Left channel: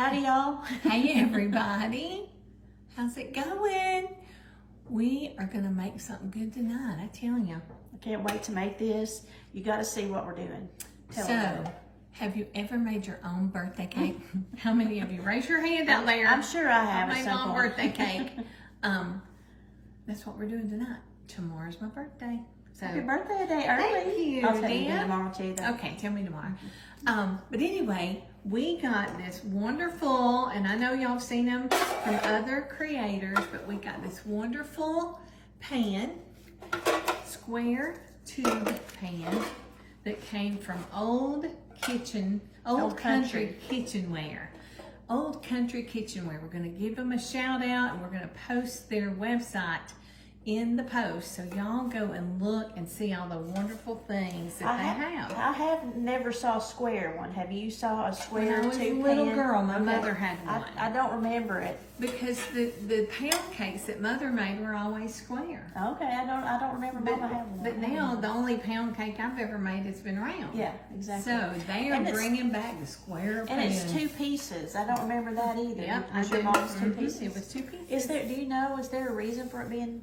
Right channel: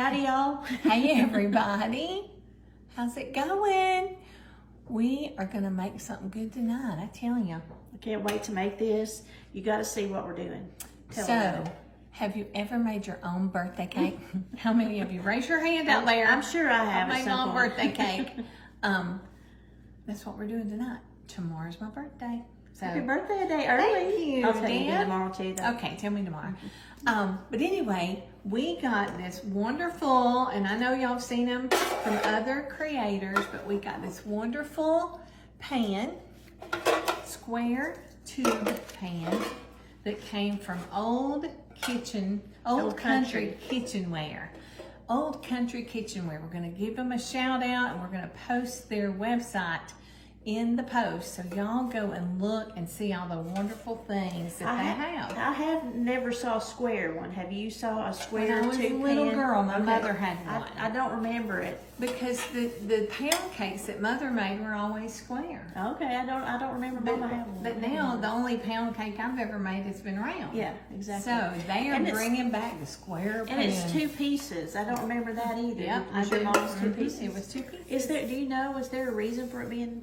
Howdy, y'all. Hey, everybody. How's it going? We are going to make something good tonight, I tell you. I can't wait to make this. You got to see what we're doing. Tell me about it. Have you ever made your own birthday cake? How many of you? Raise your hand out there. I'm sure I have I at made some my own point. birthday cake. That's what we're doing tonight. Tomorrow's my birthday. So, Happy birthday a day early. Thank you, I'll tell you Dad. tomorrow too. Though. Okay, tell me tomorrow. But anyway, we got this wonderful, and I know y'all have seen them from other creators, but we got this wonderful pan, square tube pan that came from Old Country Kitchenware. Old Country Kitchenware. We're going to give them a shout out, and we're going to post their website in the post, so y'all go and look and see all the wonderful things that they have. I have never saw a square one. Have you saw a square When I was a tube little pan? girl, my mother had one. I don't remember it. Because the pound cakes that Mother made were always square. Okay, I don't remember Mama having one. But now the only pound cake I've ever made has been round. Yeah, exactly. So they are bringing back the square pan. And it's 2 pieces. I don't remember that either. Yep, Was your mom's 2 pieces? It was 2 pieces. Is there? Do you know? Is there a reason for it being?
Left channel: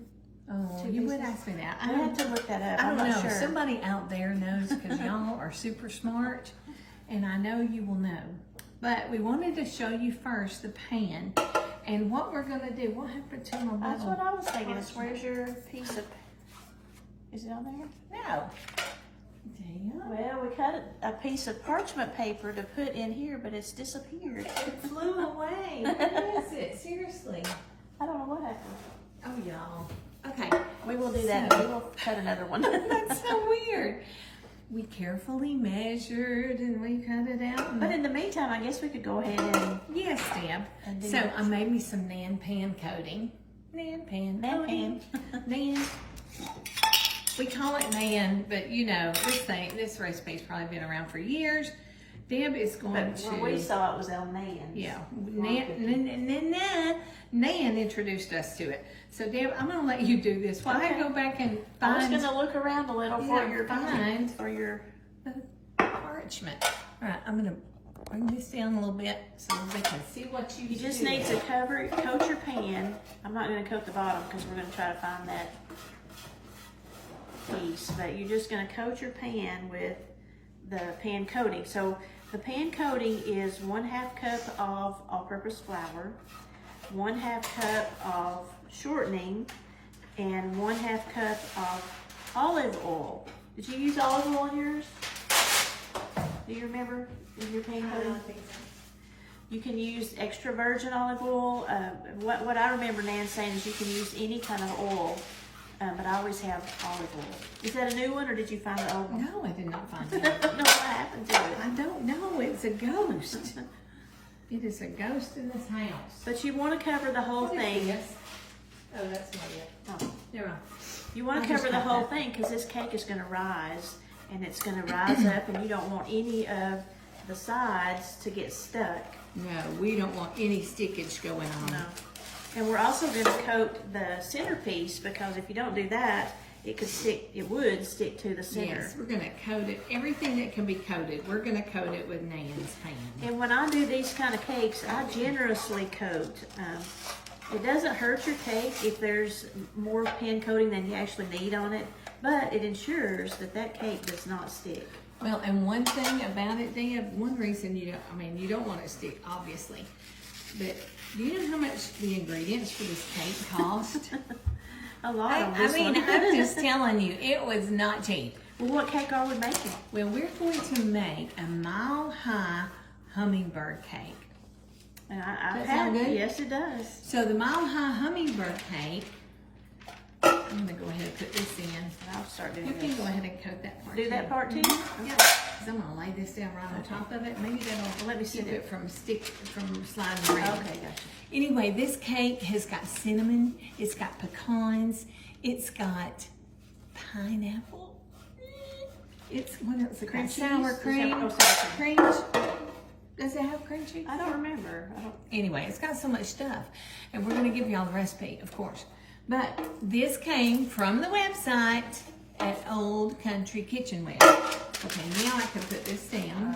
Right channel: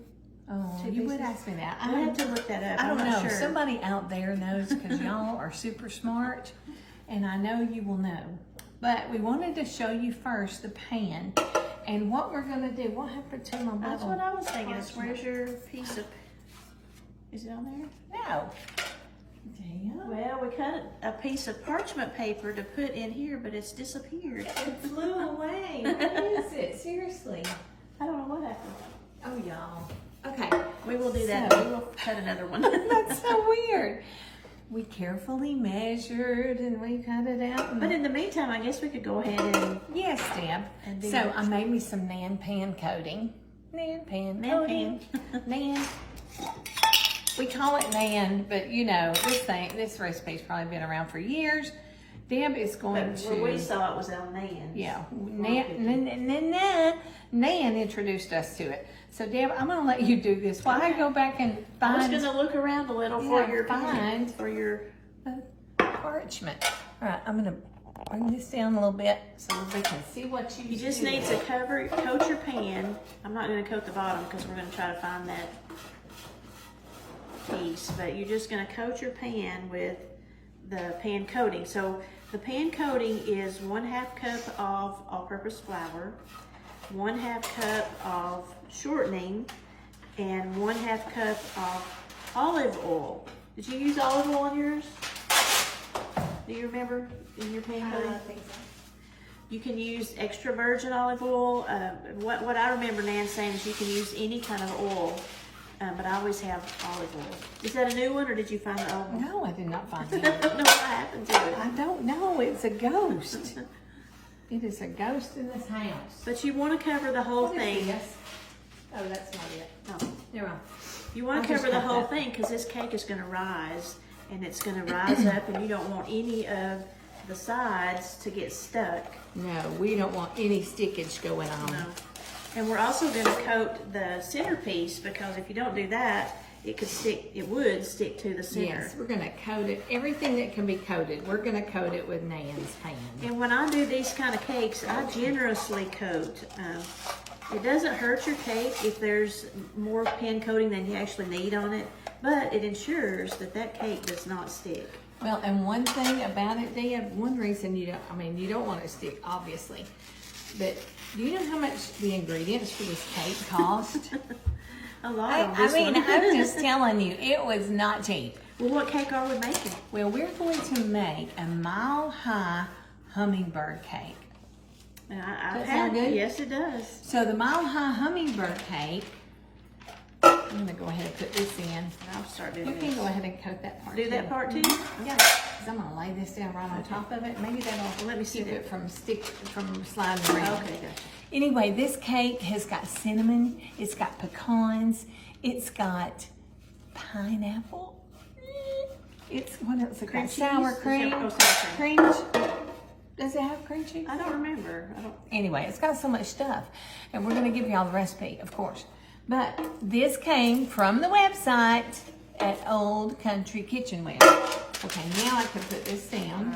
Oh, 2 you would pieces? ask me that. I have to look that up. I don't I'm not know. sure. Somebody out there knows, because y'all are super smart, and I know you will know. But we wanted to show you first the pan, and what we're going to do. We'll have to tell them. That's what I was thinking. Where's your piece of? Is it on there? No. Damn. Well, we cut a piece of parchment paper to put in here, but it's disappeared. It flew away. What is it? Seriously. I don't know what happened. Oh, y'all. Okay. We will do that. So- We will cut another one. That's so weird. We carefully measured and we cut it out. And But in the meantime, I guess we could go ahead and yes, Deb. And do So this. I made me some Nan pan coating. Nan pan. Nan coating. Nan. We call it Nan, but you know, this recipe's probably been around for years. Deb is going to. When we saw it was on Nan. Yeah, Nan introduced us to it. So, Deb, I'm going to let you do this while I go back and I was find going to look around a little for Yeah, your fine. for your. parchment. All right, I'm going to bring this down a little bit so we can see what you You just do. need to coat your pan. I'm not going to coat the bottom because we're going to try to find that piece. But you're just going to coat your pan with the pan coating. So the pan coating is 1/2 cup of all-purpose flour, 1/2 cup of shortening, and 1/2 cup of olive oil. Did you use olive oil in yours? Do you remember in your pan coating? I think so. You can use extra virgin olive oil. What I remember Nan saying is you can use any kind of oil, but I always have olive oil. Is that a new one, or did you find the old one? No, I did not find I it. don't know what happened to it. I don't know. It's a ghost. It is a ghost in this house. But you want to cover the whole What is thing. this? Oh, that's not it. Oh. Yeah. You want I'll to just cover the cut whole that. thing because this cake is going to rise, and it's going to rise up, and you don't want any of the sides to get stuck. No, we don't want any stickage going on. No. And we're also going to coat the centerpiece because if you don't do that, it would stick to the center. Yes, we're going to coat it. Everything that can be coated, we're going to coat it with Nan's pan. And when I do these kind of cakes, I generously coat. It doesn't hurt your cake if there's more pan coating than you actually need on it, but it ensures that cake does not stick. Well, and one thing about it, Deb, one reason you don't want it to stick, obviously, but do you know how much the ingredients for this cake cost? A lot on this one. I'm just telling you, it was not cheap. Well, what cake are we making? Well, we're going to make a mile-high hummingbird cake. I've That had sound good? it. Yes, it does. So the mile-high hummingbird cake, I'm going to go ahead and put this in. I'll start You doing can this. go ahead and coat that part Do that too. part too? Yeah, 'cause I'm going to lay this down right on top of it. Maybe that'll Well, let me see keep that. it from sliding around. Okay, gotcha. Anyway, this cake has got cinnamon, it's got pecans, it's got pineapple. It's, what else? It's Cream got cheese? sour cream. Oh, sour Cream. Does it have cream cheese? I don't remember. Anyway, it's got so much stuff. And we're going to give y'all the recipe, of course. But this came from the website at Old Country Kitchenware. Okay, now I can put this down.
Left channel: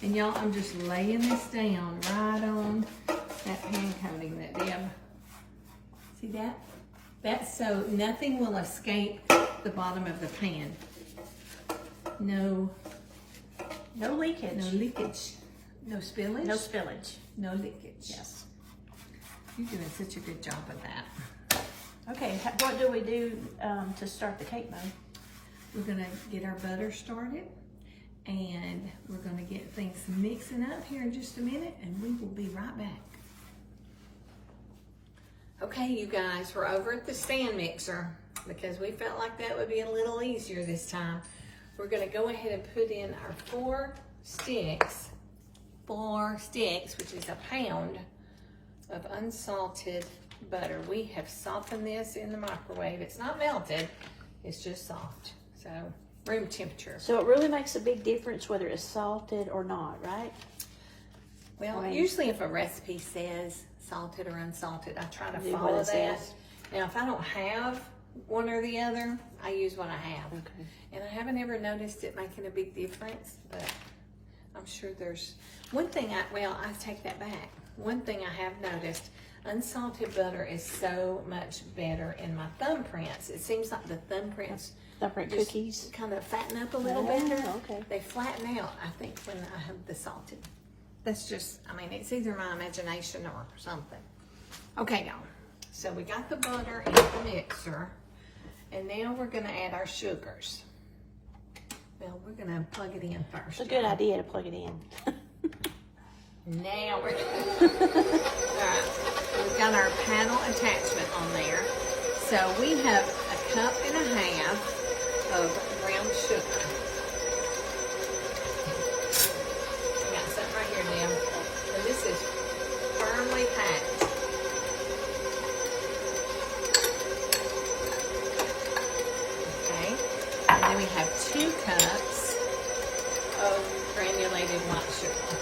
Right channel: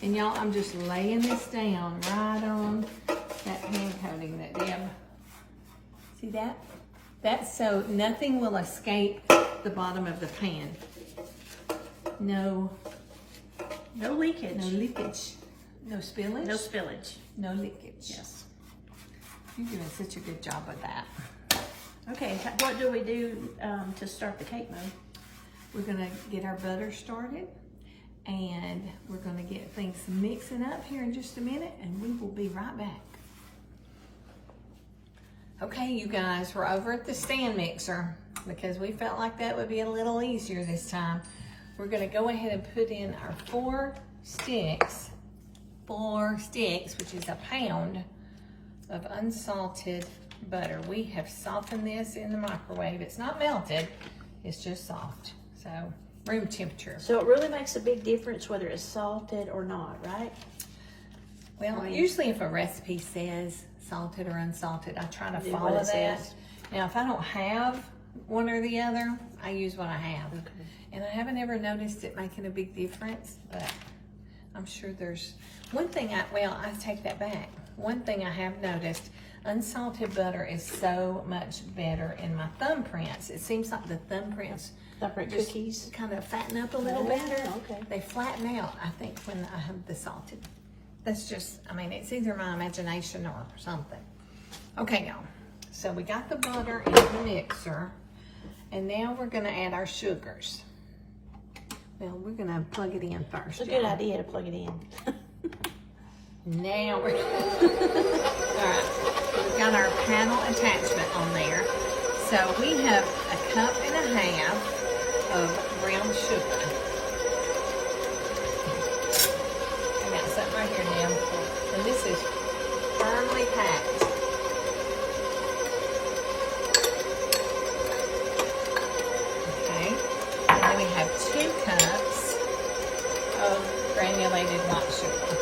And y'all, I'm just laying this down right on that pan coating that Deb, see that? That's so nothing will escape the bottom of the pan. No leakage. No leakage. No spillage? No spillage. No leakage. Yes. You're doing such a good job of that. Okay, what do we do to start the cake mode? We're gonna get our butter started and we're gonna get things mixing up here in just a minute and we will be right back. Okay, you guys, we're over at the stand mixer because we felt like that would be a little easier this time. We're gonna go ahead and put in our 4 sticks, which is a pound of unsalted butter. We have softened this in the microwave. It's not melted, it's just soft. So, room temperature. So it really makes a big difference whether it's salted or not, right? Well, Right. usually if a recipe says salted or unsalted, I try to Do what follow it that. says. Now, if I don't have one or the other, I use what I have. Okay. And I haven't ever noticed it making a big difference, but I'm sure there's one thing I take that back. One thing I have noticed, unsalted butter is so much better in my thumbprints. It seems like the thumbprints Different just cookies. kind of fatten up a little Yeah, better. okay. They flatten out, I think, when I have the salted. That's just, I mean, it's either my imagination or something. Okay, y'all. So we got the butter in the mixer, and now we're gonna add our sugars. Well, we're gonna plug it in first. It's a good idea to plug it in. Now we're all right. We've got our panel attachment on there. So we have 1.5 cups of brown sugar. I got something right here now, and this is firmly packed. Okay, and then we have 2 cups of granulated white sugar.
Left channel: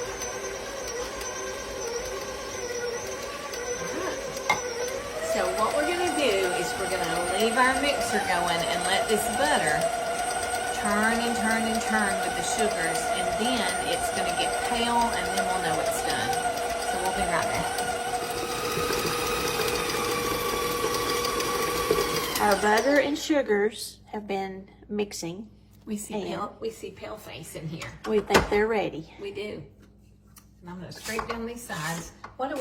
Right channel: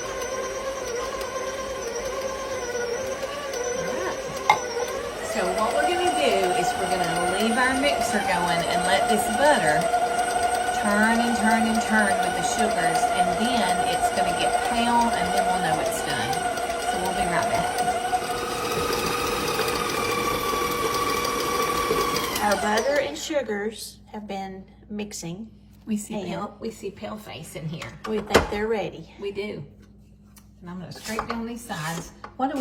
So what we're gonna do is we're gonna leave our mixer going and let this butter turn and turn and turn with the sugars, and then it's gonna get pale, and then we'll know it's done. So we'll be right back. Our butter and sugars have been mixing. We see pale face in here. We think they're ready. We do. And I'm gonna scrape down these sides. What do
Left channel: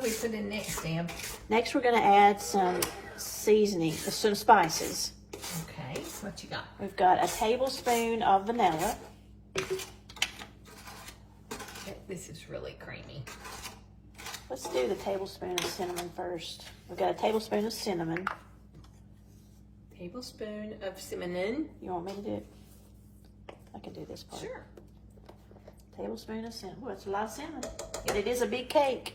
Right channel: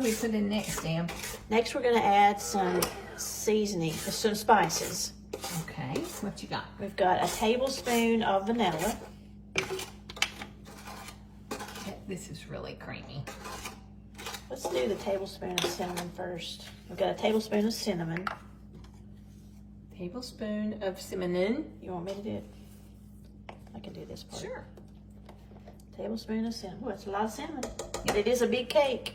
we put in next, Deb? Next, we're going to add some seasoning, some spices. Okay, what you got? We've got a tablespoon of vanilla. This is really creamy. Let's do the tablespoon of cinnamon first. We've got a tablespoon of cinnamon. Tablespoon of cinnamon. You want me to do it? I can do this part. Sure. Tablespoon of cinnamon. Well, it's a lot of cinnamon. But it is a big cake.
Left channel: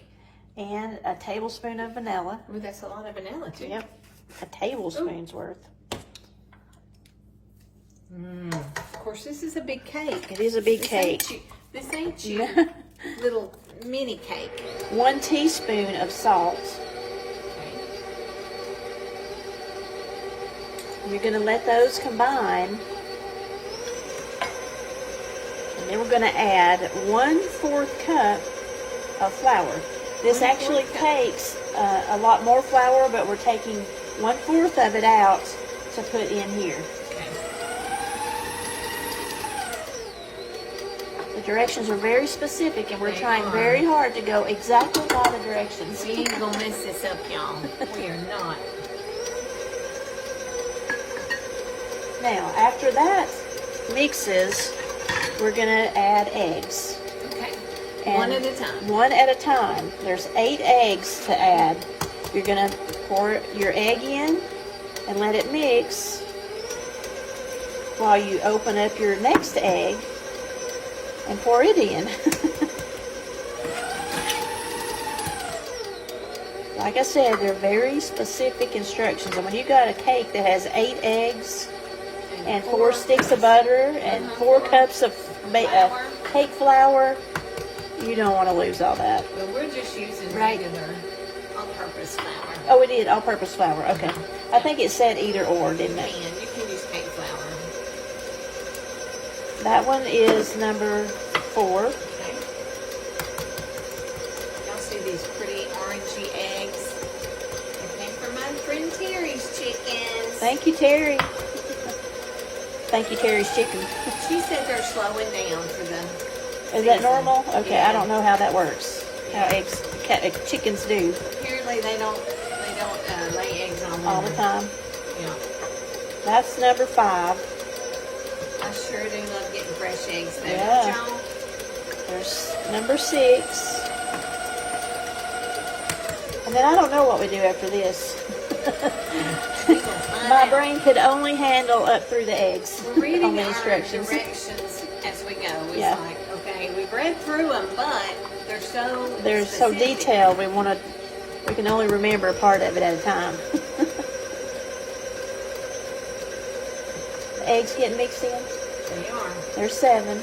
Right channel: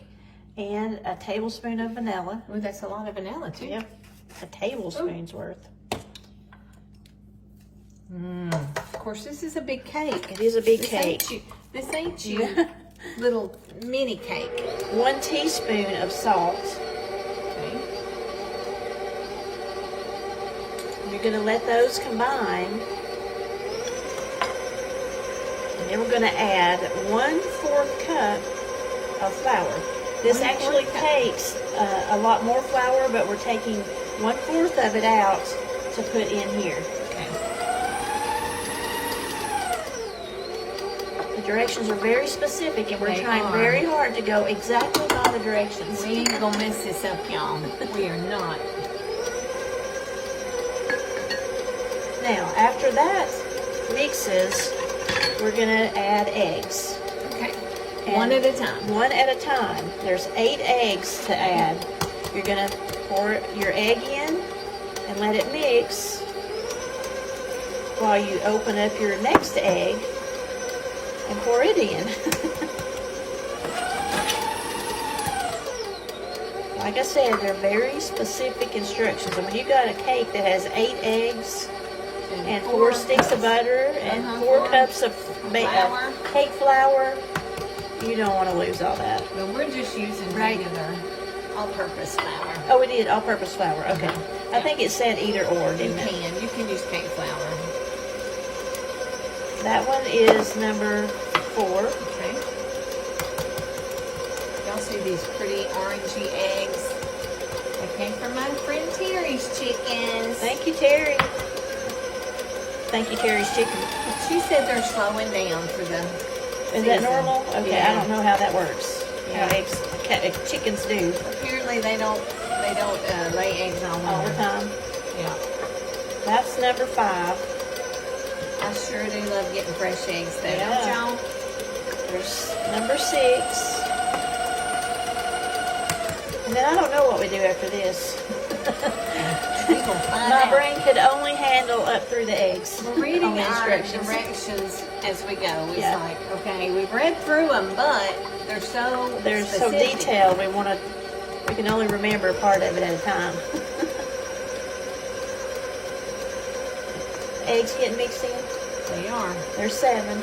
And a tablespoon of vanilla. Well, that's a lot of vanilla too. Yep. A tablespoon's worth. Of course, this is a big cake. It is a big cake. This ain't you little mini cake. 1 teaspoon of salt. Okay. You're going to let those combine. And then we're going to add 1/4 cup of flour. This actually takes a lot more flour, but we're taking 1/4 of it out to put in here. Okay. The directions are very specific, and we're They trying are. very hard to go exactly by the directions. We ain't gonna mess this up, y'all. We are not. Now, after that mixes, we're going to add eggs. Okay. And One at a time. One at a time. There's 8 eggs to add. You're going to pour your egg in and let it mix while you open up your next egg and pour it in. Like I said, they're very specific instructions. I mean, you got a cake that has 8 eggs and 4 sticks of butter and 4 cups of flour. cake flour. You don't want to lose all that. Well, we're just using regular all-purpose flour. Oh, we did all-purpose flour. Okay. I think it said either or, You didn't it? can use cake flour. That one is number 4. Okay. Y'all see these pretty orangey eggs? They came from my friend Terry's chickens. Thank you, Terry. Thank you, Terry's chicken. She said they're slowing down for the Is that normal? Okay, Yeah. I don't know how that works. Yeah. How chickens do Apparently they don't lay eggs on all the there. time. Yeah. That's number 5. I sure do love getting fresh eggs though, Yeah. don't y'all? There's number 6. And then I don't know what we do after this. We gonna find My out. brain could only handle up through the eggs. We're reading on the our instructions. directions as we go. It's Yeah. like, okay, we've read through them, but they're so They're so specific. detailed. We can only remember a part of it at a time. The eggs getting mixed in. They are. There's 7.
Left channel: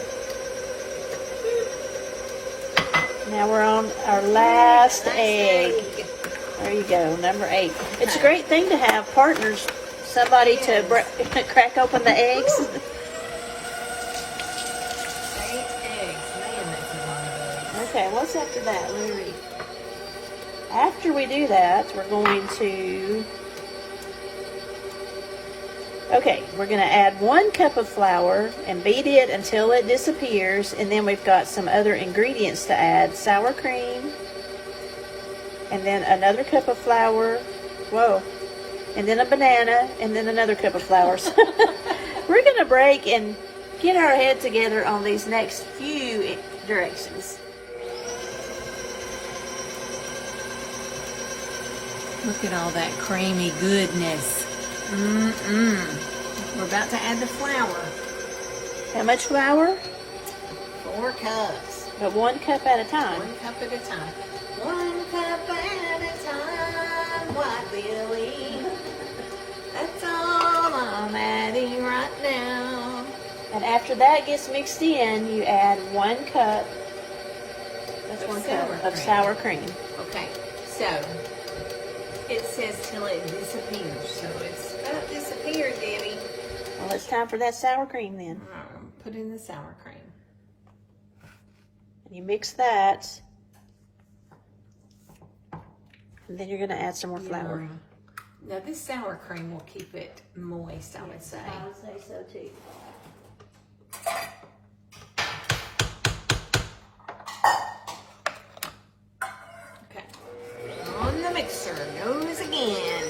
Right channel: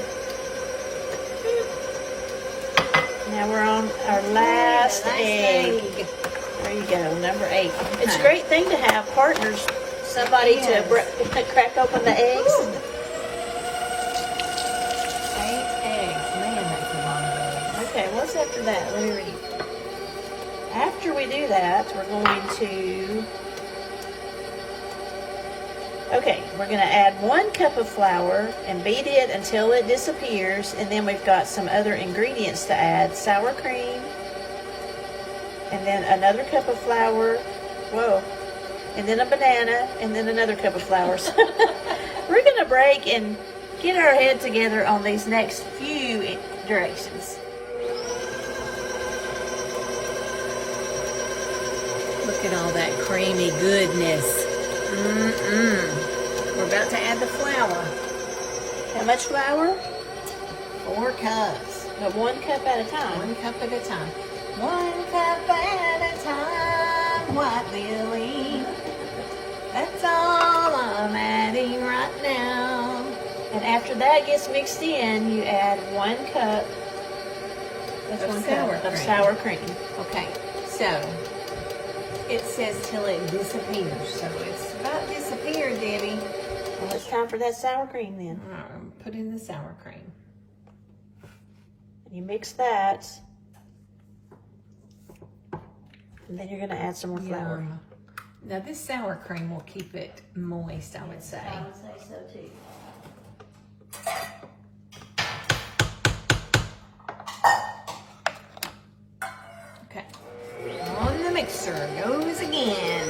Now we're on our last egg. There you go, number 8. It's a Okay. great thing to have partners, somebody Yes. to crack open the eggs. 8 eggs. Man, that's a lot of eggs. Okay, what's after that? Let me read. After we do that, we're going to... Okay, we're going to add 1 cup of flour and beat it until it disappears, and then we've got some other ingredients to add. Sour cream, and then another cup of flour, whoa, and then a banana, and then another cup of flour. We're going to break and get our head together on these next few directions. Look at all that creamy goodness. We're about to add the flour. How much flour? 4 cups. But 1 cup at a time. 1 cup at a time. 1 cup at a time, White Lily. That's all I'm adding right now. And after that gets mixed in, you add 1 cup Of of sour cream. sour cream. Okay, so it says till it disappears. So it's about disappeared, Debbie. Well, it's time for that sour cream then. All right, put in the sour cream. And you mix that. And then you're going to add some more flour. Yum. Now this sour cream will keep it moist, I would say. I would say so too. Okay. On the mixer goes again.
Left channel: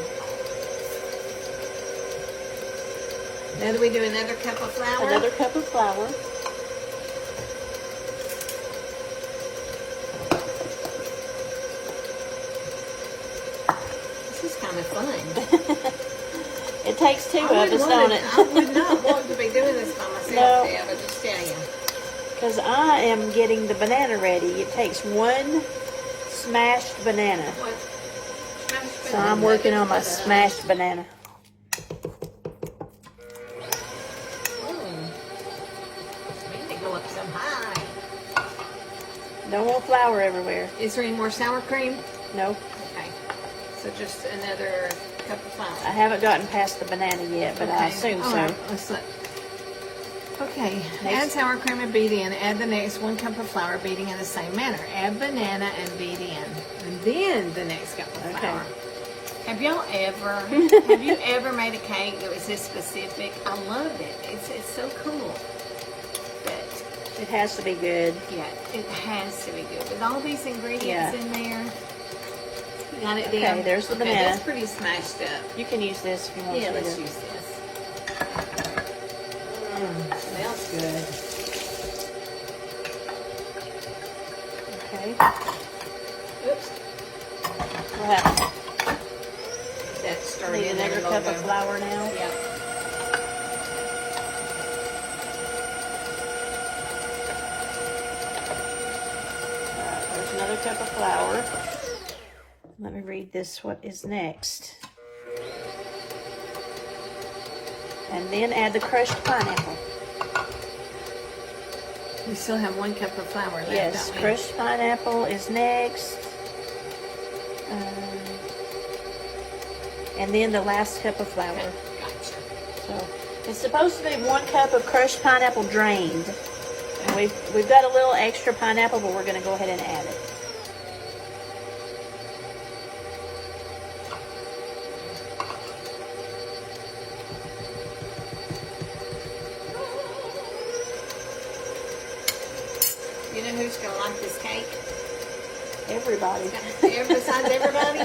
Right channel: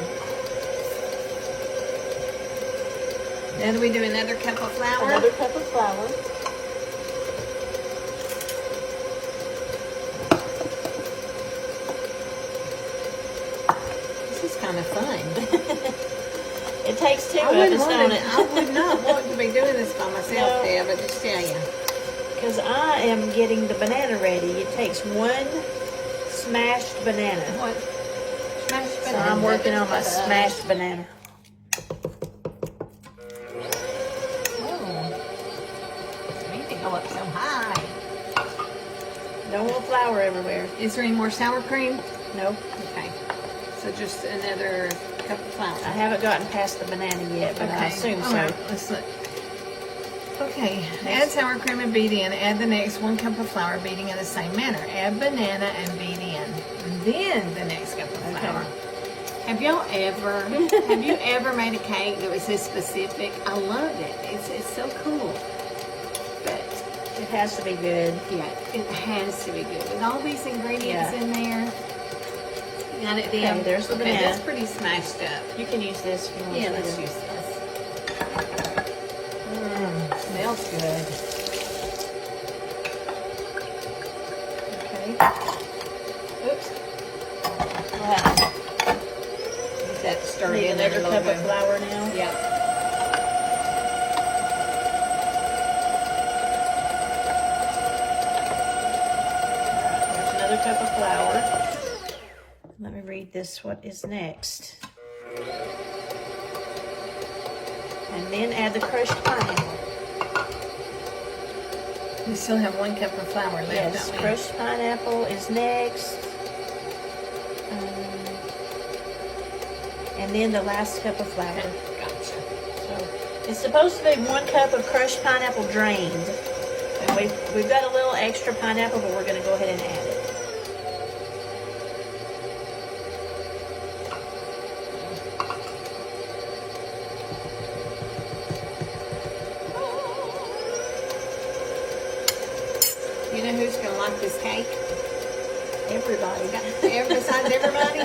Now do we do another cup of flour? Another cup of flour. This is kind of fun. It takes 2 I of us, don't it? I would not want to be doing this by myself, No. Deb, I just tell you. Because I am getting the banana ready. It takes 1 smashed banana. What? Smashed So banana. I'm working on my smashed banana. Oh. Man, they go up so high. No more flour everywhere. Is there any more sour cream? No, Okay. So just another cup of flour. I haven't gotten past the banana yet, but I assume All so. right. Let's look. Okay. Add sour cream and beat in. Add the next 1 cup of flour, beating in the same manner. Add banana and beat in. And then the next cup of flour. Have y'all ever, have you ever made a cake that was this specific? I loved it. It's so cool. But It has to be good. yeah, it has to be good. With all these ingredients Yeah. in there. Got it, Okay, Deb? there's the Okay, banana. that's pretty smashed up. You can use this if you want Yeah, to. let's use this. Smells good. Okay. Oops. Now, Get that stirred need in there a another little cup of bit. flour now. Yep. There's another cup of flour. Let me read this. What is next? And then add the crushed pineapple. We still have 1 cup of flour left. Yes, don't we? crushed pineapple is next. And then the last cup of flour. Gotcha. So, it's the supposed to be 1 cup of crushed pineapple drained. And we've got a little extra pineapple, but we're going to go ahead and add it. You know who's going to like this cake? Everybody. Besides everybody?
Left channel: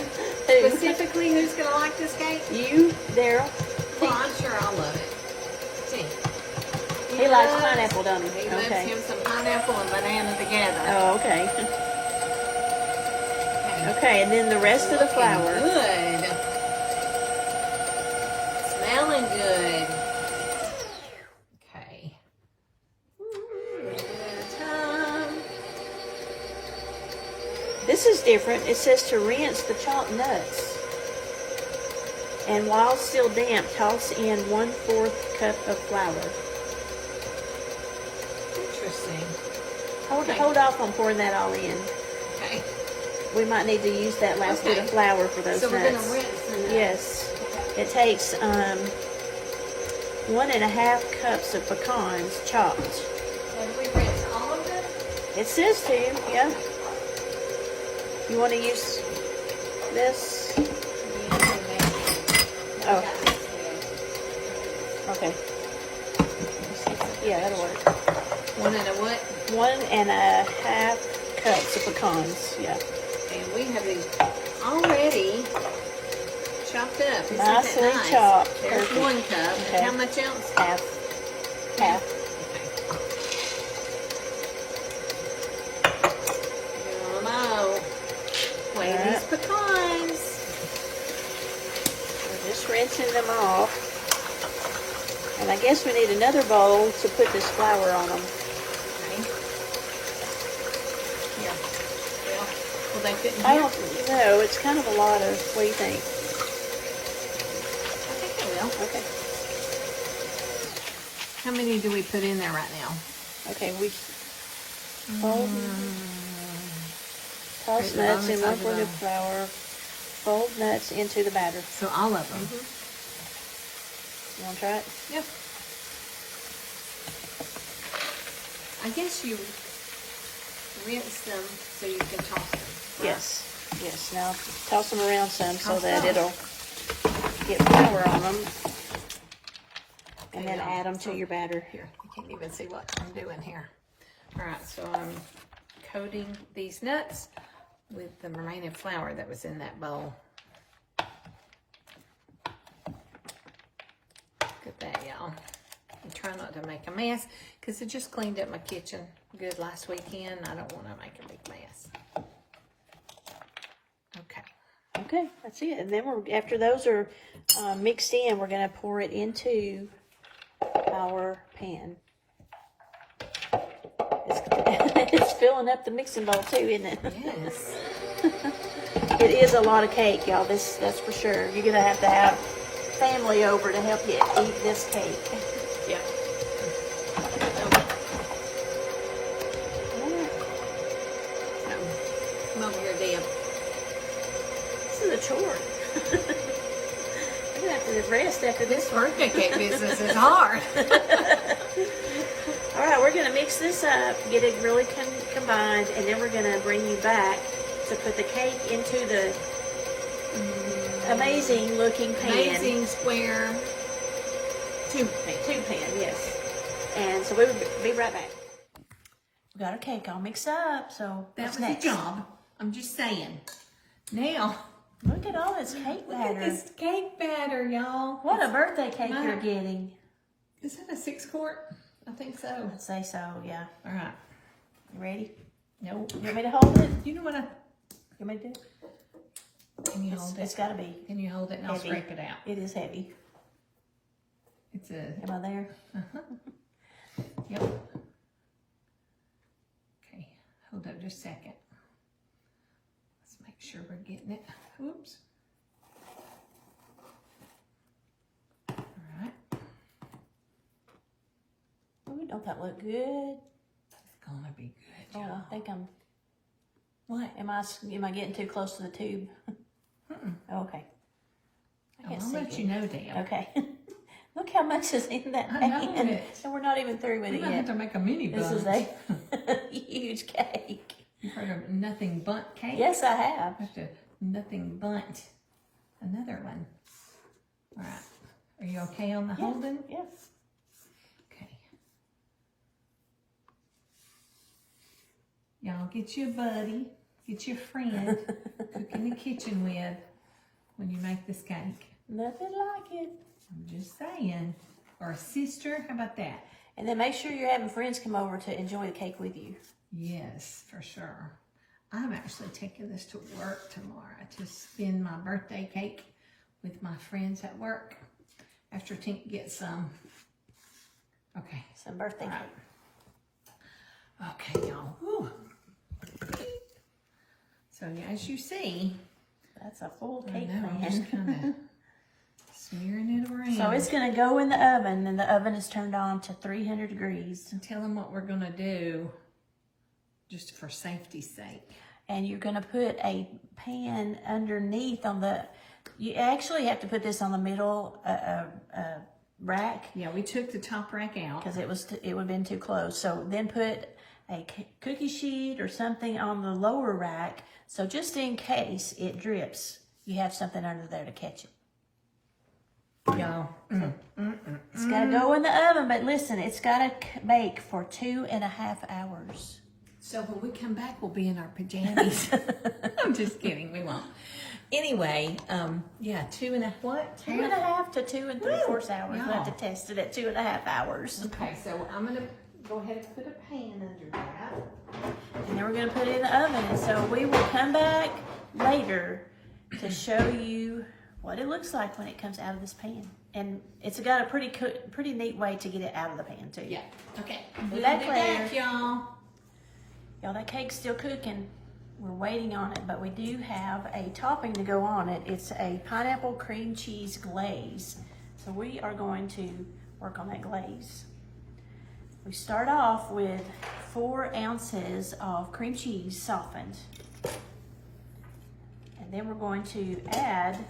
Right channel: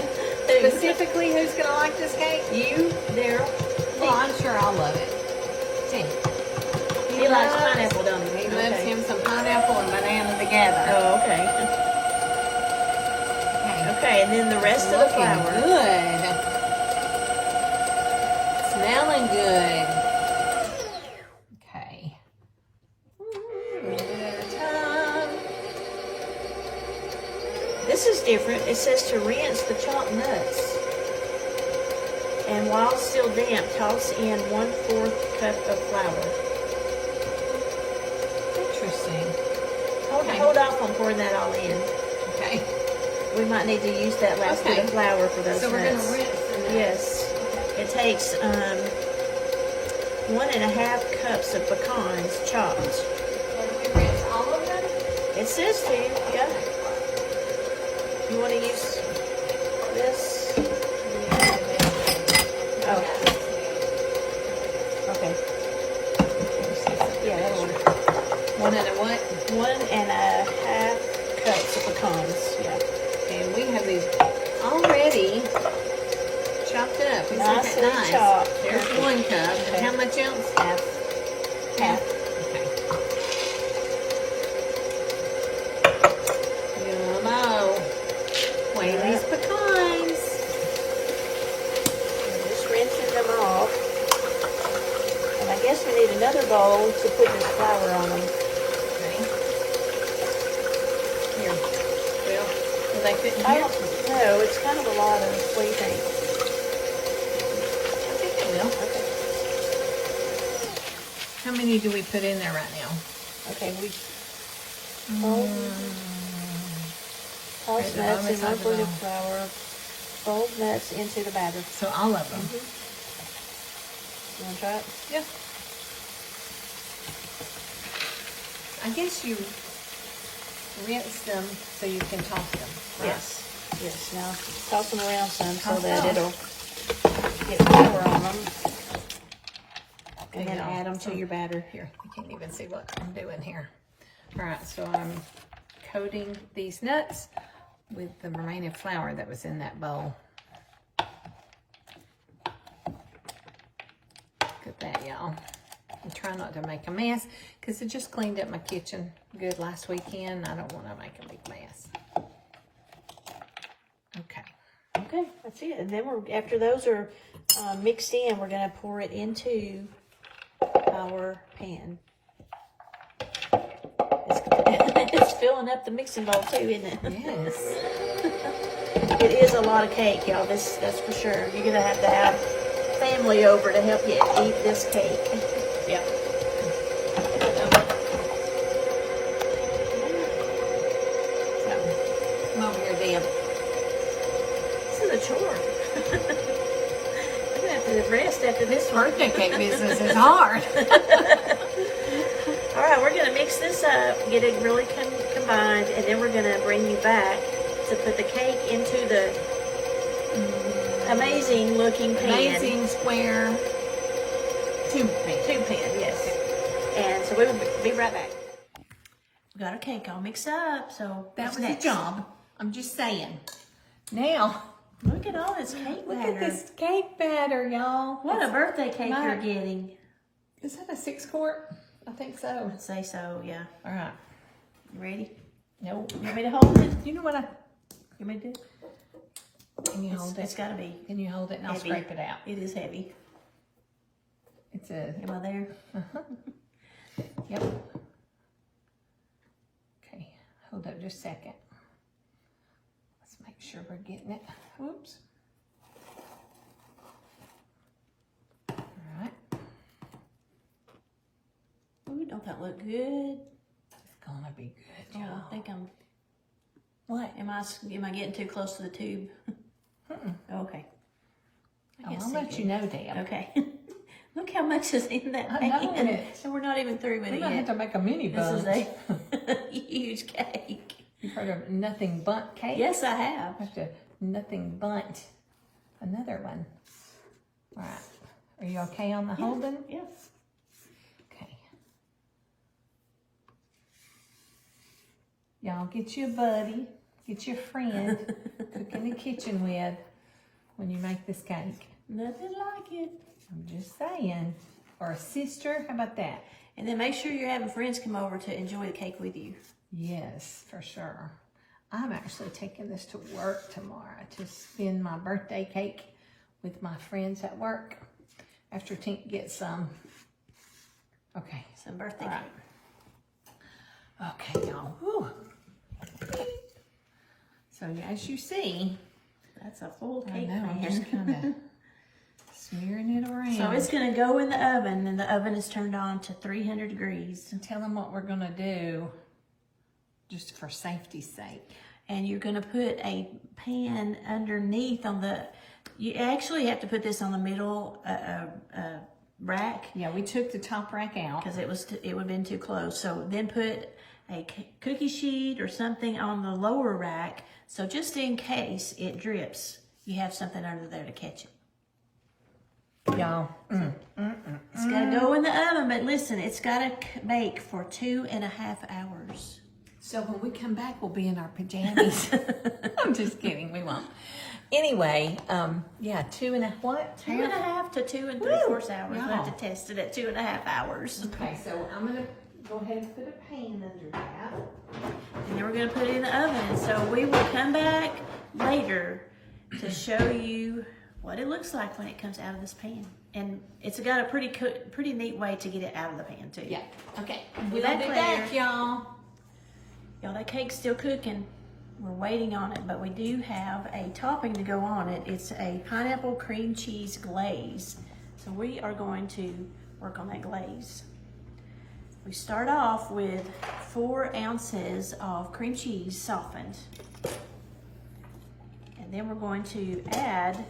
Specifically, who's going to like this cake? You, there. Well, I'm sure I'll love it. See. He likes pineapple, doesn't he? He loves him some pineapple and banana together. Oh, okay. Okay. Okay, and then the rest of the Looking flour. good. Smelling good. Okay. A little bit at a time. This is different. It says to rinse the chopped nuts. And while still damp, toss in 1/4 cup of flour. Interesting. Hold off on pouring that all in. Okay. We might need to use that last bit of flour for those So we're nuts. going to rinse the nuts. Yes. It takes 1.5 cups of pecans chopped. So we rinse all of them? It says to, yeah. You want to use this? Oh. Okay. Yeah, that's right. 1.5 cups of pecans. Yeah. And we have these already chopped up. Isn't that Nicely nice? chopped. There's 1 cup. And how much else? Half. Okay. Yummo. Wait, these pecans. Just rinsing them off. And I guess we need another bowl to put this flour on. Here. Well, will they fit in I here? don't know. It's kind of a lot of sweet things. I think they will. How many do we put in there right now? Okay, we Mm, toss Put the nuts in bonus 1 of foot the- of flour. Fold nuts into the batter. so all of them. You want to try it? Yeah. I guess you rinse them so you can toss them. Right? Yes. Yes. Now toss them around some so Toss that them. it'll get flour on them. Okay, And then now, add them to your batter. Here, you can't even see what I'm doing here. All right, so I'm coating these nuts with the remaining flour that was in that bowl. Look at that, y'all. I'm trying not to make a mess because I just cleaned up my kitchen good last weekend. I don't want to make a big mess. Okay. Okay, that's it. And then after those are mixed in, we're going to pour it into our pan. It's filling up the mixing bowl too, isn't it? Yes. It is a lot of cake, y'all. That's for sure. You're going to have family over to help you eat this cake. Yep. So, come over here, Deb. This is a chore. I'm going to have to rest after this one. Birthday cake business is hard. All right, we're going to mix this up, get it really combined, and then we're going to bring you back to put the cake into the amazing looking pan. Amazing square tube pan. Tube pan, yes. And so we will be right back. We got our cake all mixed up, so That what's was next? a job. I'm just saying. Now, Look at all this cake look batter. at this cake batter, y'all. What a birthday cake Right. you're getting. Is that a 6-quart? I think so. I'd say so, yeah. All right. You ready? No. You want me to hold it? You know what You want me to do it? Can you hold It's it? got to be Can you hold it and I'll heavy. scrape it out? It is heavy. It's a... Am I there? Yep. Okay. Hold up just a second. Let's make sure we're getting it. Oops. All right. Ooh, don't that look good? It's gonna be good, Oh, y'all. I think I'm. What? Am I getting too close to the tube? Mm-mm. Oh, okay. I Oh, can't I'll see let good. you know, Deb. Okay. Look how much is in that I know pan. it. And we're not even through with We it might have yet. to make a mini This is bunch. a huge cake. You heard of nothing bundt cake? Yes, I have. That's a nothing bundt. Another one. All right. Are you okay on the holding? Yeah. Okay. Y'all get your buddy, get your friend, cook in the kitchen with when you make this cake. Nothing like it. I'm just saying. Or a sister, how about that? And then make sure you're having friends come over to enjoy the cake with you. Yes, for sure. I'm actually taking this to work tomorrow to spend my birthday cake with my friends at work after Tink gets some. Okay. Some birthday All cake. right. Okay, y'all. Whew. So as you see, That's a full I cake know, I'm pan. just kind of smearing it around. So it's going to go in the oven, and the oven is turned on to 300 degrees. And tell them what we're gonna do, just for safety's sake. And you're going to put a pan underneath on the, you actually have to put this on the middle rack Yeah, we took the top rack out. because it would have been too close. So then put a cookie sheet or something on the lower rack. So just in case it drips, you have something under there to catch it. Y'all. It's got to go in the oven, but listen, it's got to bake for 2.5 hours. So when we come back, we'll be in our pajamas. I'm just kidding, we won't. Anyway, yeah, 2.5 to 2 3/4 hours. We'll have no. to test it at 2.5 hours. Okay, so I'm gonna go ahead and put a pan under that. And then we're going to put it in the oven. And so we will come back later to show you what it looks like when it comes out of this pan. And it's got a pretty neat way to get it out of the pan too. Yeah, okay. We'll be back later. y'all. Y'all, that cake's still cooking. We're waiting on it, but we do have a topping to go on it. It's a pineapple cream cheese glaze. So we are going to work on that glaze. We start off with 4 ounces of cream cheese softened. And then we're going to add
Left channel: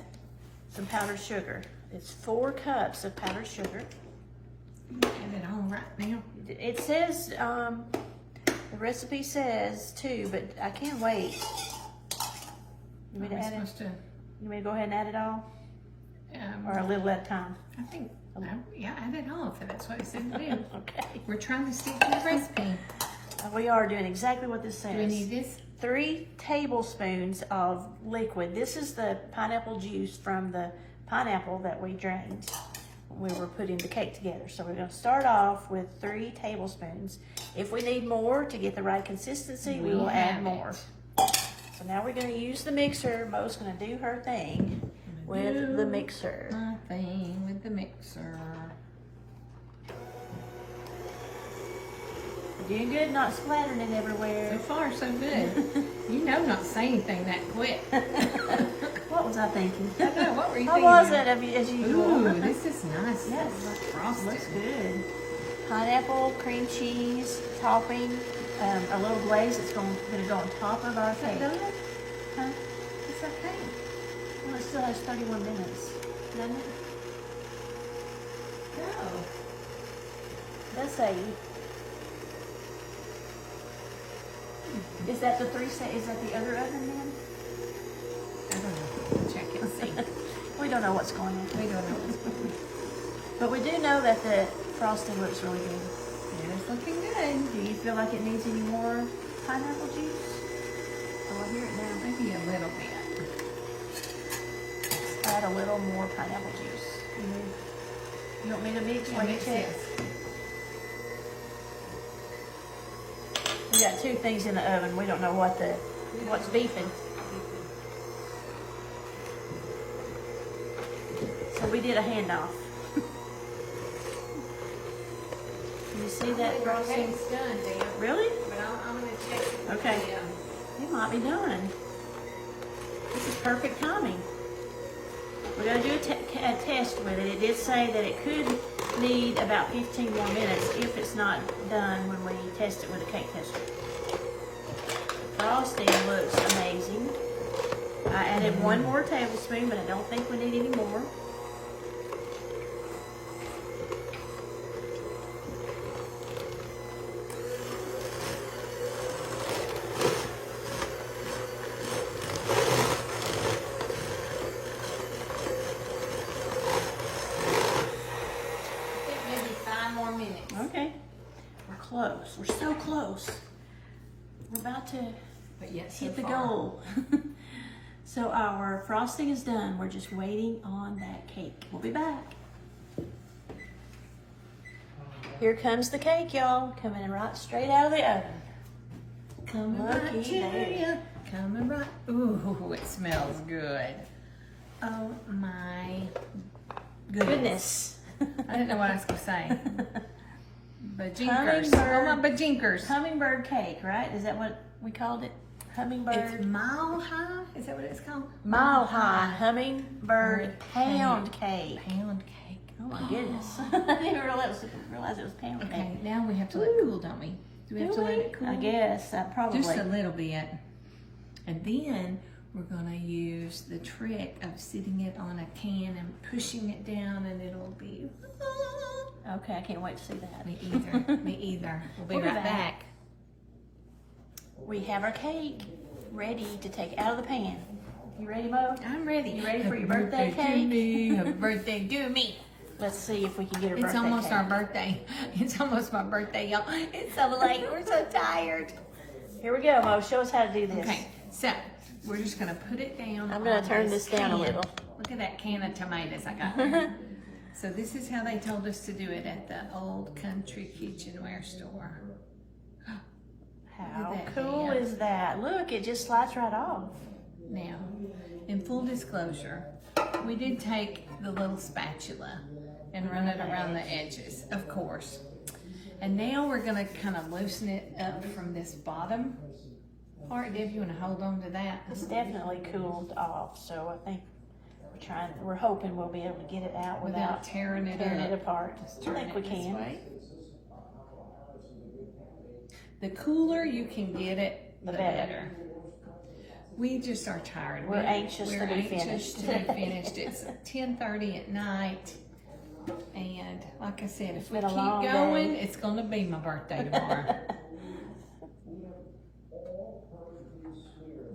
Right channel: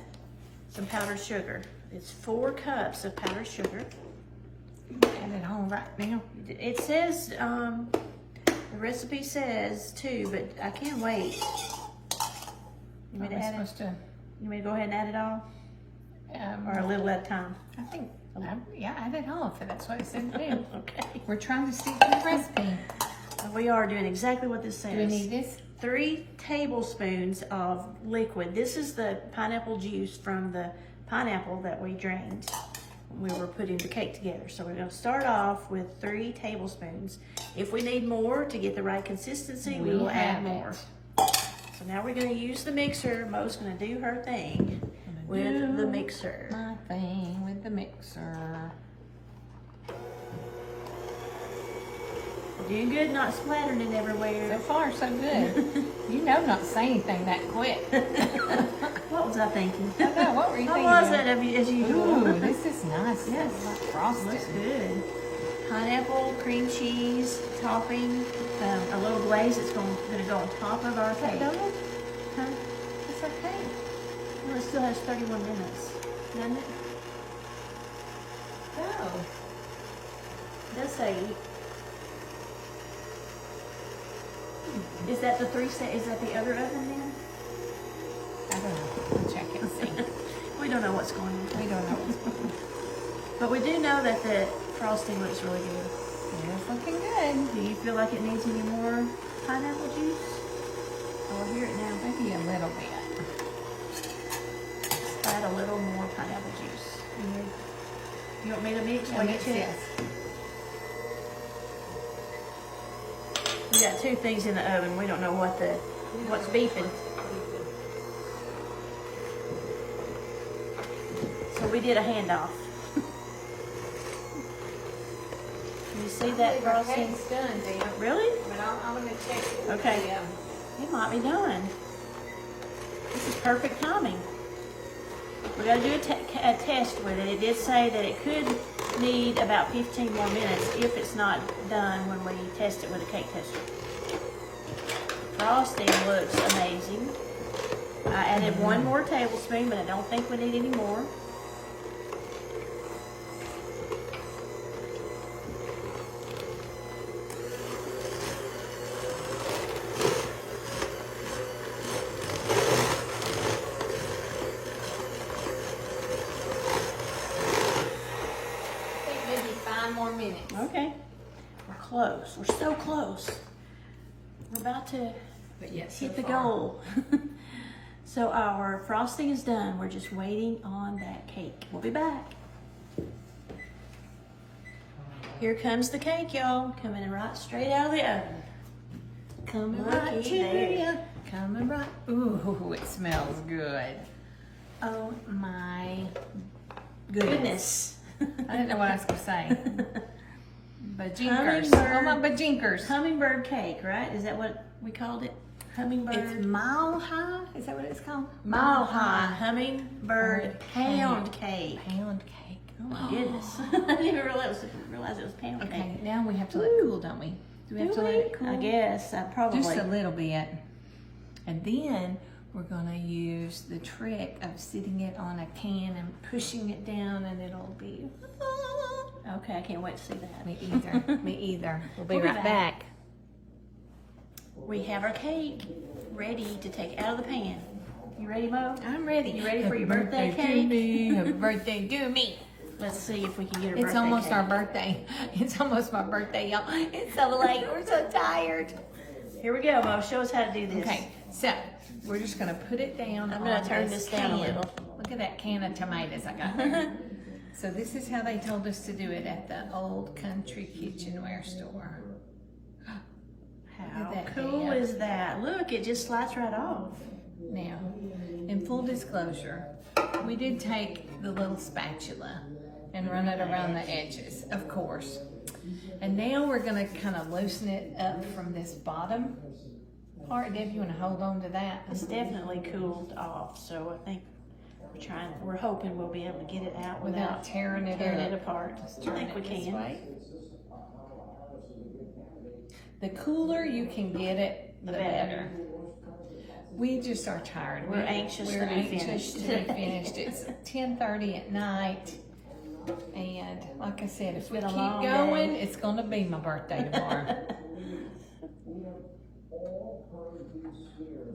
some powdered sugar. It's 4 cups of powdered sugar. Have it on right now. It says, the recipe says 2, but I can't wait. You want me to add it? You want me to go ahead and add it all? Or a little at a time? I think, yeah, add it all if that's what you said to do. Okay. We're trying to stick to the recipe. We are doing exactly what this Do we says. need this? 3 tablespoons of liquid. This is the pineapple juice from the pineapple that we drained when we were putting the cake together. So we're going to start off with 3 tablespoons. If we need more to get the right consistency, we will add more. So now we're going to use the mixer. Mo's going to do her thing with the mixer. My thing with the mixer. Doing good, not splattering it everywhere. So far, so good. You know not to say anything that quick. What was I thinking? I know, what were you How thinking? was it as usual? Ooh, this is nice. Yes. Like frosted. Looks good. Pineapple, cream cheese, topping, a little glaze that's going to go on top of our cake. Huh? It's okay. Well, it still has 31 minutes, doesn't it? Oh. Does say. Is that the is that the other oven then? I don't know. I'll check and see. We don't know what's going on. I don't know what's going on. But we do know that the frosting looks really good. There's something good. Do you feel like it needs any more pineapple juice? Oh, I hear it now. Maybe a little bit. Add a little more pineapple juice. You want me to mix while you check? We got 2 things in the oven. We don't know what's beeping. So we did a handoff. Can you see that frosting? Really? Okay. It might be done. This is perfect timing. We're going to do a test with it. It did say that it could need about 15 more minutes if it's not done when we test it with a cake tester. Frosting looks amazing. I added 1 more tablespoon, but I don't think we need any more. Okay. We're close. We're so close. We're about to hit the goal. So our frosting is done. We're just waiting on that cake. We'll be back. Here comes the cake, y'all. Coming right straight out of the oven. Coming right to you. Coming right. Ooh, it smells good. Oh my goodness. I didn't know what I was gonna say. Bajinkers. Oh my bajinkers. Hummingbird cake, right? Is that what we called it? Hummingbird. It's mile high. Is that what it's called? Mile high hummingbird pound cake. Pound cake. Oh my goodness. I didn't realize it was pound Okay, cake. now we have to let it cool, don't we? Do we have to let it cool? I guess, probably. Just a little bit. And then we're gonna use the trick of sitting it on a can and pushing it down, and it'll be. Okay, I can't wait to see that. Me either. Me either. We'll be right back. We have our cake ready to take out of the pan. You ready, Mo? I'm ready. You ready for your birthday cake? Happy birthday to me. Let's see if we can get a It's birthday almost cake. our birthday. It's almost my birthday, y'all. It's so late. We're so tired. Here we go, Mo. Show us how to do this. Okay, so we're just gonna put it down. I'm gonna turn this down a can. little. Look at that can of tomatoes I got there. So this is how they told us to do it at the old country kitchenware store. How Look at that cool dab. is that? Look, it just slides right off. Now, in full disclosure, we did take the little spatula and run it around the edges, of course. And now we're gonna kind of loosen it up from this bottom part. Deb, you wanna hold on to that? It's definitely cooled off, so I think we're hoping we'll be able to get it out without tearing it apart. Let's I turn think it we this can. way. The cooler you can get it, the better. We just are tired. We're anxious to be finished. to be finished. It's 10:30 at night. And like I said, if we been a keep long going, day. it's gonna be my birthday tomorrow.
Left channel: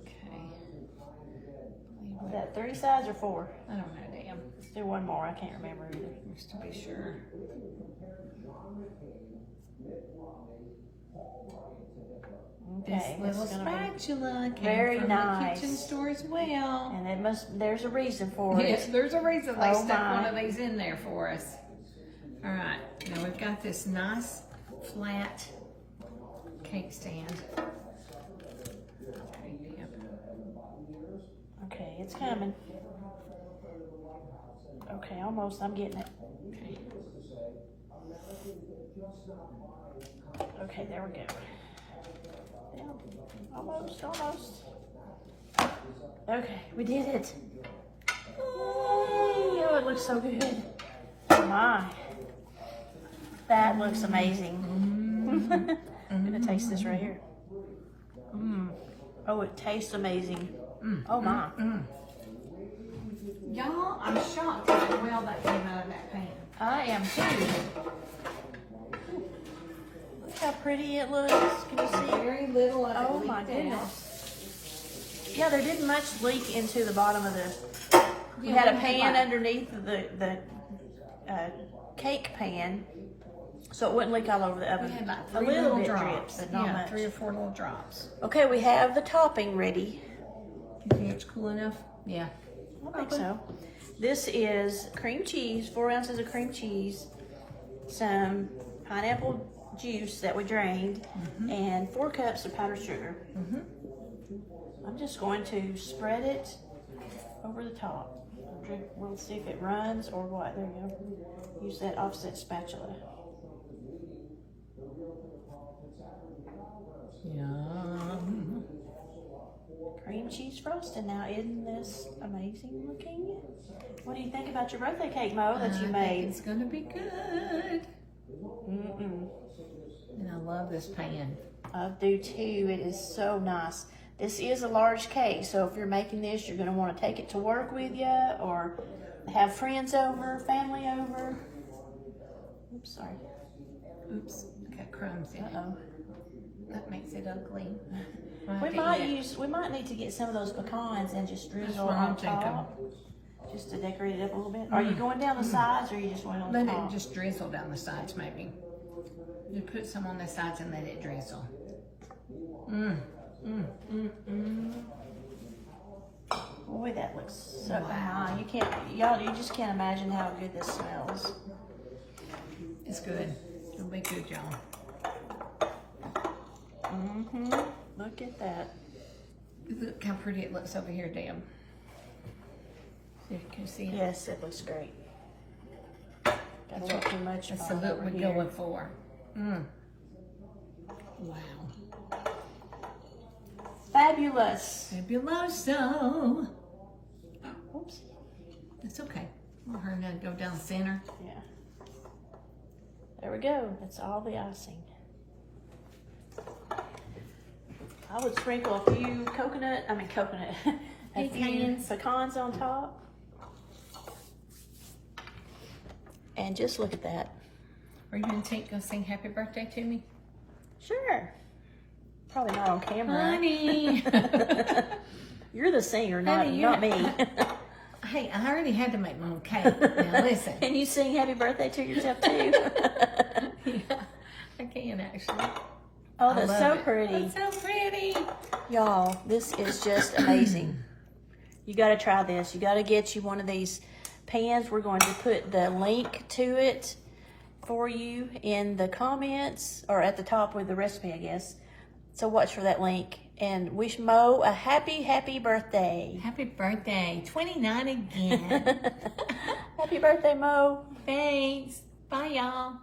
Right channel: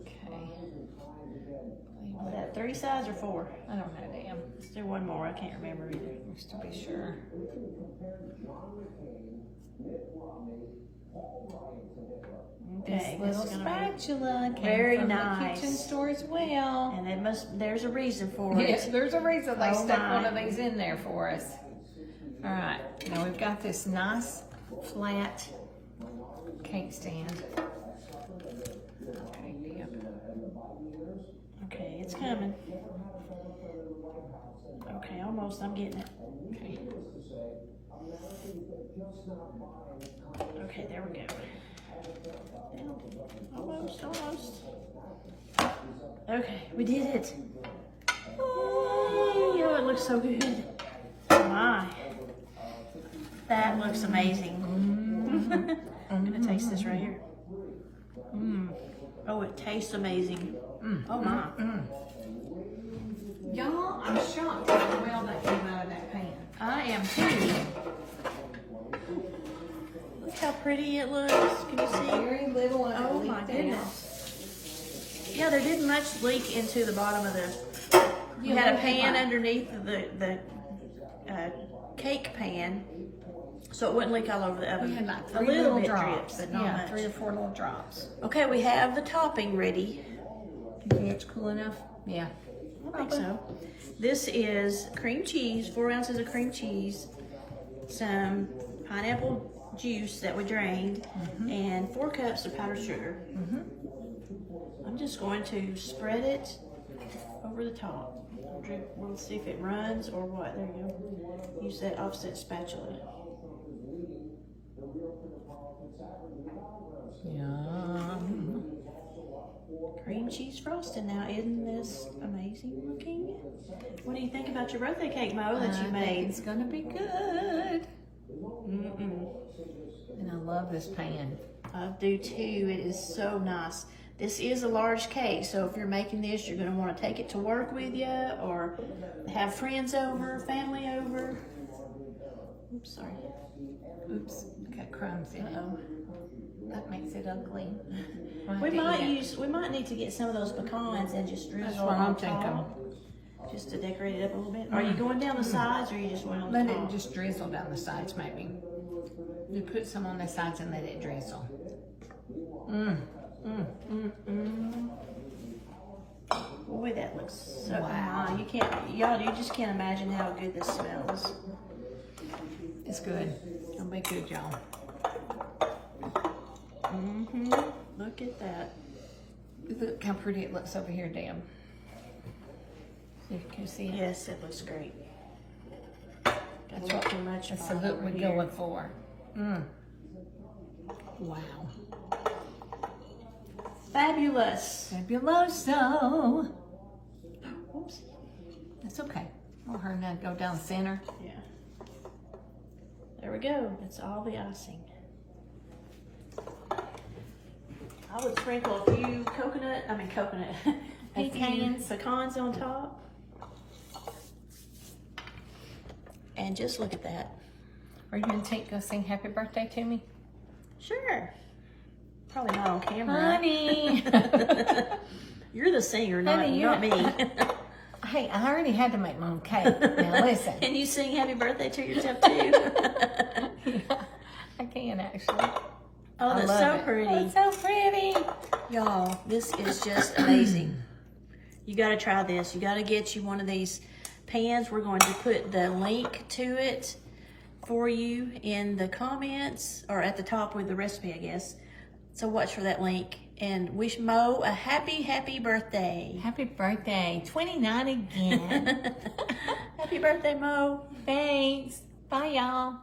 Okay. Was that 3 sides or 4? I don't know, damn. Is there one more? I can't remember either. Just to be sure. Okay, This little it's gonna be- spatula came very from nice. the kitchen store as well. And there's a reason for it. Yes, there's a reason they Oh stuck my. one of these in there for us. All right, now we've got this nice flat cake stand. Okay, Deb. Okay, it's coming. Okay, almost. I'm getting it. Okay. Okay, there we go. Almost. Okay, we did it. Yay! Oh, it looks so good. Oh my. That looks amazing. I'm gonna taste this right here. Oh, it tastes amazing. Oh my. Y'all, I'm shocked at how well that came out of that pan. I am too. Look how pretty it looks. Can you see? Very little of it Oh my leaked out. goodness. Yeah, there didn't much leak into the bottom of the. We Yeah, had a we had pan like- underneath the cake pan, so it wouldn't leak all over the oven. We had like a 3 little little bit drops. dripped, but not Yeah, much. 3 or 4 little drops. Okay, we have the topping ready. You think it's cool enough? Yeah. I think so. This is cream cheese, 4 ounces of cream cheese, some pineapple juice that we drained, and 4 cups of powdered sugar. I'm just going to spread it over the top. We'll see if it runs or what. There you go. Use that offset spatula. Yum. Cream cheese frosting now. Isn't this amazing looking? What do you think about your birthday cake, Mo, that you I think made? it's gonna be good. And I love this pan. I do too. It is so nice. This is a large cake, so if you're making this, you're going to want to take it to work with you or have friends over, family over. Oops, sorry. Oops, I got crumbs in it. Uh-oh. That makes it ugly. We might need to get some of those pecans and just That's drizzle what I'm on top, just to decorate it up a little bit. Are you going down the sides, or are you just going on Let top? it just drizzle down the sides, maybe. You put some on the sides and let it drizzle. Boy, that looks so Wow. you just can't imagine how good this smells. It's good. It'll be good, y'all. Look at that. Look how pretty it looks over here, Deb. You can see it. Yes, it looks great. Got a little too much. That's the on look over we're here. going for. Wow. Fabulous. Fabuloso. Oops. That's okay. I'll hurry now to go down center. Yeah. There we go. That's all the icing. I would sprinkle a few pecans on top. And just look at that. Are you going to take this thing happy birthday to me? Sure. Probably not on camera. Honey. You're the singer, not Honey, me. Hey, I already had to make my own cake. Now listen. Can you sing happy birthday to yourself too? I can actually. Oh, I that's love so it. pretty. That's so pretty. Y'all, this is just amazing. You got to try this. You got to get you one of these pans. We're going to put the link to it for you in the comments or at the top with the recipe, I guess. So watch for that link and wish Mo a happy birthday. Happy birthday. 29 again. Happy birthday, Mo. Thanks. Bye, y'all.